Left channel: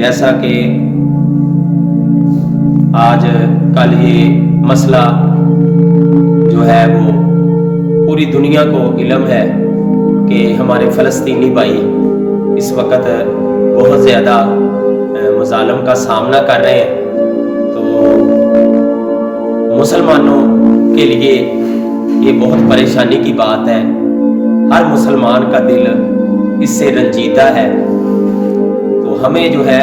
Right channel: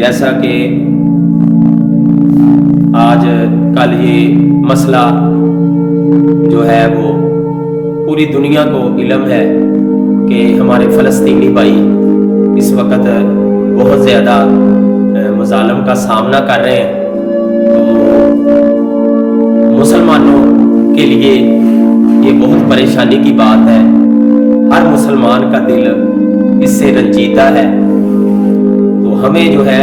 جیسا کہ آج کل یہ مسئلہ جو ہے وہ پوری دنیا کو علم ہے کہ ہمارے فلسطینی بھائی اس وقت بہت زیادہ مظالم کا سامنا کر رہے ہیں، تو مسلمانوں کے لیے یہ بہت پریشانی کی بات ہے۔ ہر مسلمان کا دل اس سے رنجیدہ ہے، تو ہمیں جو ہے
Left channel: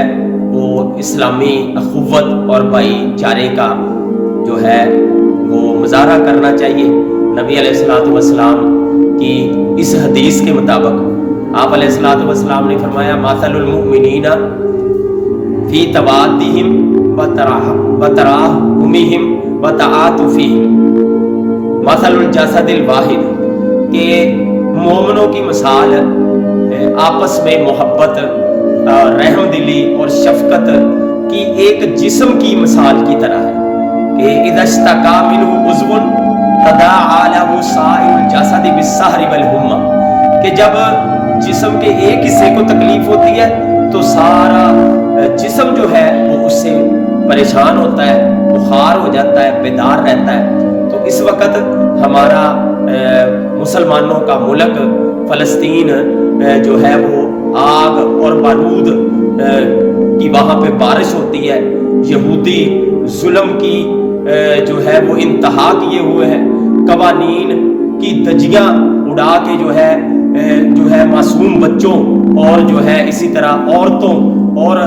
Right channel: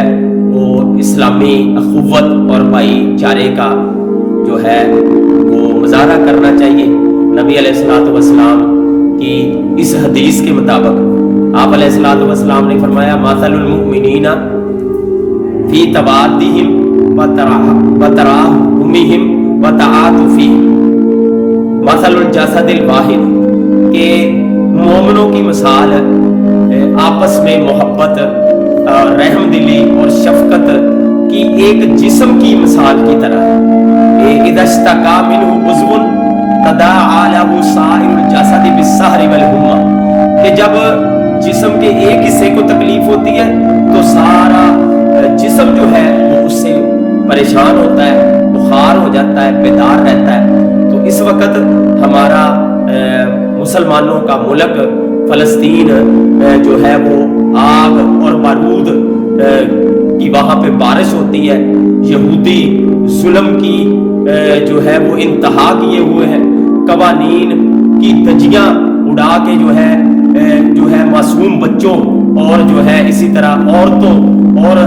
وہ اسلامی اخوت اور بھائی چارے کا جو ہے وہ مظاہرہ کرنا چاہیے۔ نبی علیہ الصلوۃ والسلام کی اس حدیث کے مطابق آپ علیہ الصلوۃ والسلام نے فرمایا مثل المؤمنین فی توادہم وتراحمہم وتعاطفہم مثل الجسد الواحد، کہ مومنوں کی مثال آپس میں محبت، رحم دلی اور شفقت کی ایک جسم کی مثال کی طرح ہے۔ اذا اشتکا منہ عضو تداعی لہ سائر الجسد بالسہر والحمى، کہ جب جسم کے ایک حصے کو تکلیف ہوتی ہے تو سارا جسم جو ہے وہ اس سے پریشان ہوتا ہے، بخار ہو جاتا ہے، بیدار رہتا ہے۔ تو اس وقت ہمارا مسلمانوں کا ملک فلسطین جو ہے وہ آگ اور بارود کی وہاں پہ بارش ہوتی ہے، یہودی ظلم کی جو ہے وہ انتہا کیے ہوئے ہیں، قوانین کی دھجیاں اڑا کے جو ہے معصوم بچوں اور جو ہے اسی طرح عورتوں اور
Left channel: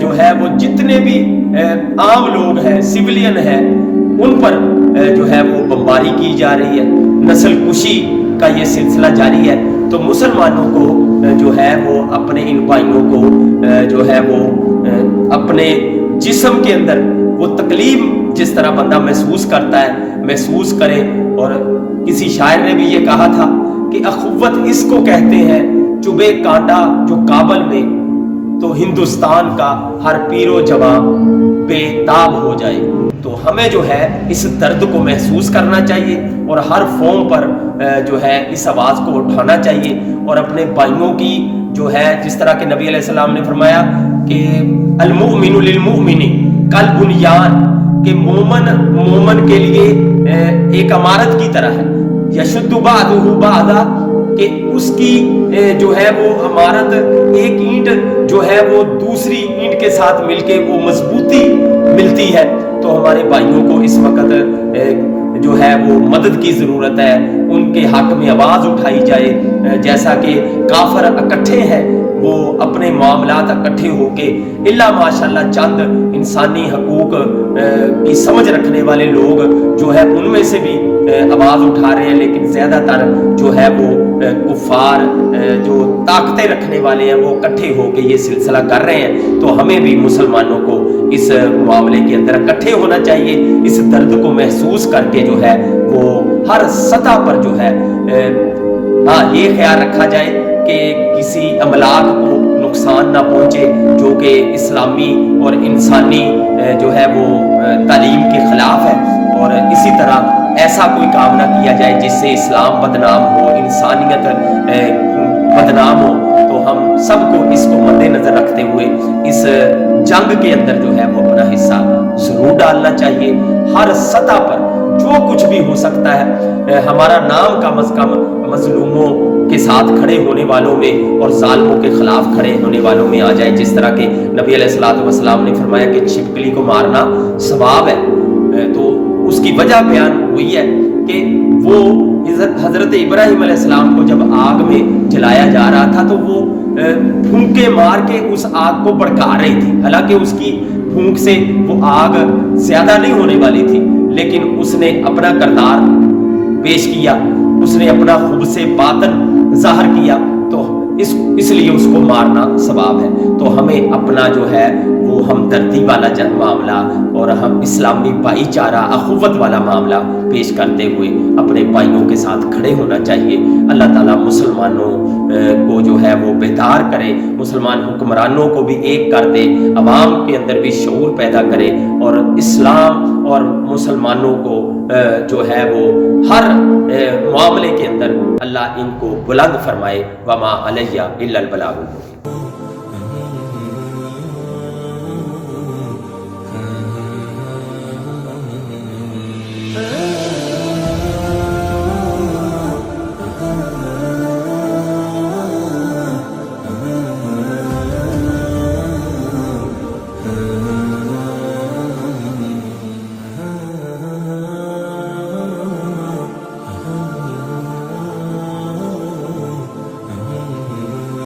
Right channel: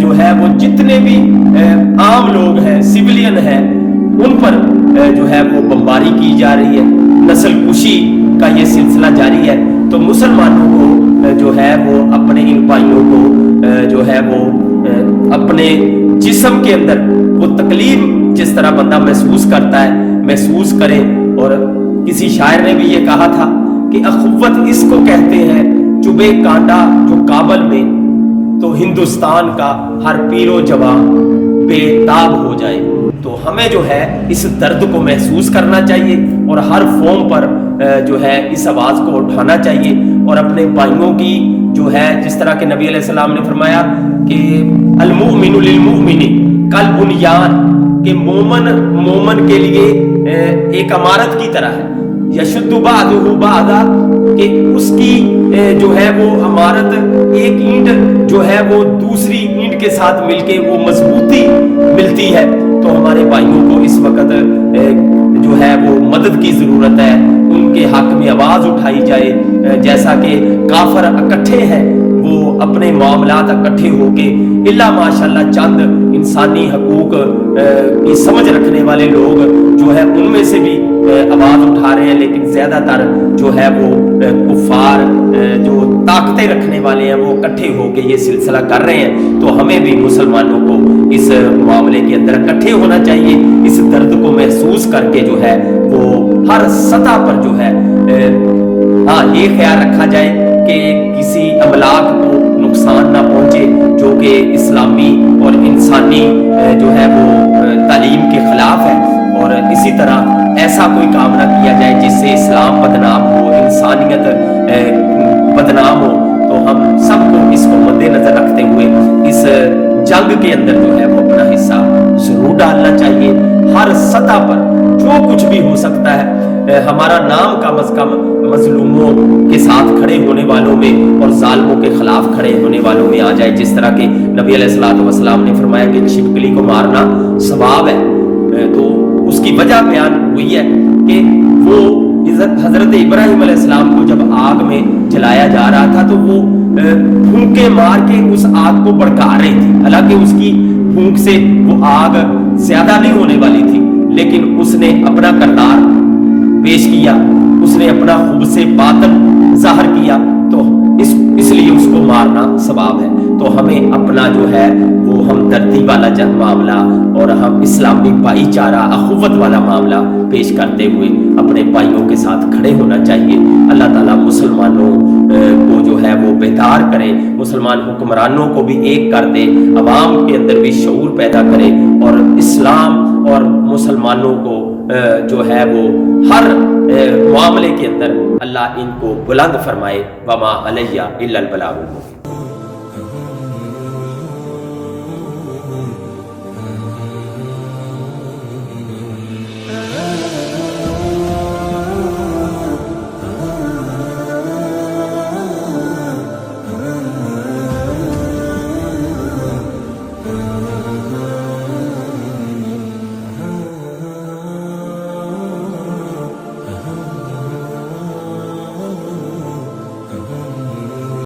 جو ہے وہ جتنے بھی عام لوگ ہیں، سویلین ہیں، ان پر جو ہے وہ بمباری کی جا رہی ہے، نسل کشی کا یہ سلسلہ جاری ہے۔ تو مسلمانوں کو جو ہے وہ اپنے ان بھائیوں کو جو ہے وہ اپنے جسم کے اندر وہ تکلیف جس طرح بندہ محسوس کرتا ہے محسوس کرے۔ اور کسی شاعر نے بھی یہ کہا تھا کہ اخوت اس کو کہتے ہیں چبھے کانٹا جو کابل میں، تو ہندوستان کا ہر پیر و جواں بے تاب ہو جائے۔ تو ہمیں جو ہے اس درد کو محسوس کرنا چاہیے اور ہر فارم پر جو ہے اس آواز کو اٹھانا چاہیے، اور اپنے بھائیوں کی جو ہے جس طرح کہ نبی علیہ السلام نے فرمایا کہ المؤمن للمؤمن کالبنیان، کہ مومن کے لیے ایک عمارت کی طرح ہے، یشد بعضہ بعضا، کہ اس کی جو ہے وہ عمارت ایک اینٹ جو ہے وہ دوسری اینٹ کے ساتھ مل کے وہ مضبوطی ملتی ہے۔ تو ہمارے بھائیوں کو اس وقت جو ہے وہ مدد کی ضرورت ہے، ان کے حق میں آواز اٹھائی جائے۔ جیسا کہ کافر اکٹھے ہیں وہ اپنے معاملات اکٹھے ہو کے الا ماشاءاللہ چند انسانی حقوق کی سمجھ رکھنے والے لوگ جو ہے ان میں سے بھی آواز اٹھا رہے ہیں، لیکن زیادہ تر جو ہے وہ کفار جو طاقتیں رکھنے والے ہیں وہ اکٹھے ہو کے یہ سلسلہ کر رہے ہیں۔ تو ہمیں بھی مسلمانوں کو اس معاملے کے اندر اکٹھے ہونا چاہیے، اس درد کو محسوس کر کے جو ہے وہ ہر سطح پر جو ہے یہ خیال رکھا جائے کہ کسی املاک کو نقصان نہ پہنچے جو کہ اسلامی اور انسانی جو ہے وہ تعلیم کے خلاف ہے، اور اسی طرح ایسا کوئی کام نہ کیا جائے جس سے اسلام بدنام ہو، انسانیت بدنام ہو۔ تو ہم سب کو اس کو مد نظر رکھتے ہوئے اس جنگ کے اندر جو ہے وہ اپنا حصہ ضرور ڈالنا چاہیے۔ ہر سطح پر جو کچھ بھی ہو سکتا ہے ہمارا نام کم از کم مظلوموں کے ساتھ کھڑے ہونے والوں میں اور ظالموں کے خلاف کھڑے ہونے والوں میں آ جائے، جس طرح کہ نبی علیہ الصلوۃ والسلام نے فرمایا کہ چھپکلی کو مارنا ثواب ہے۔ تو اس کی وجہ بیان ہوئی ہے کہ وہ حضرت ابراہیم علیہ السلام کو جب آگ میں جلایا جا رہا تھا تو وہ پھونکے مار کے اس آگ کو بھڑکا رہی تھی، حالانکہ اس کی پھونک سے وہ آگ زیادہ نہیں ہونے والی تھی، لیکن اس نے اپنا کردار پیش کیا، اس نے اپنا خبث باطن ظاہر کیا، تو اس لیے اس کو مارنا ثواب ہے۔ تو ہمیں اپنا جو ہے وہ ہمدردی والا معاملہ اور ہم اسلامی بھائی چارہ اخوت والا معاملہ پیش کرتے ہوئے اپنے بھائیوں کے ساتھ کھڑے ہونا چاہیے۔ اللہ تعالیٰ مسلمانوں کو جو ہے وہ بیدار کرے، مسلمان حکمرانوں کو بھی ایک کر دے، عوام کے اندر بھی شعور پیدا کرے، اور اسلام اور مسلمانوں کو جو ہے وہ ہر معاملے کے اندر اللہ ان کو بلند فرمائے۔ وما علیہ الا البلاغ المبین۔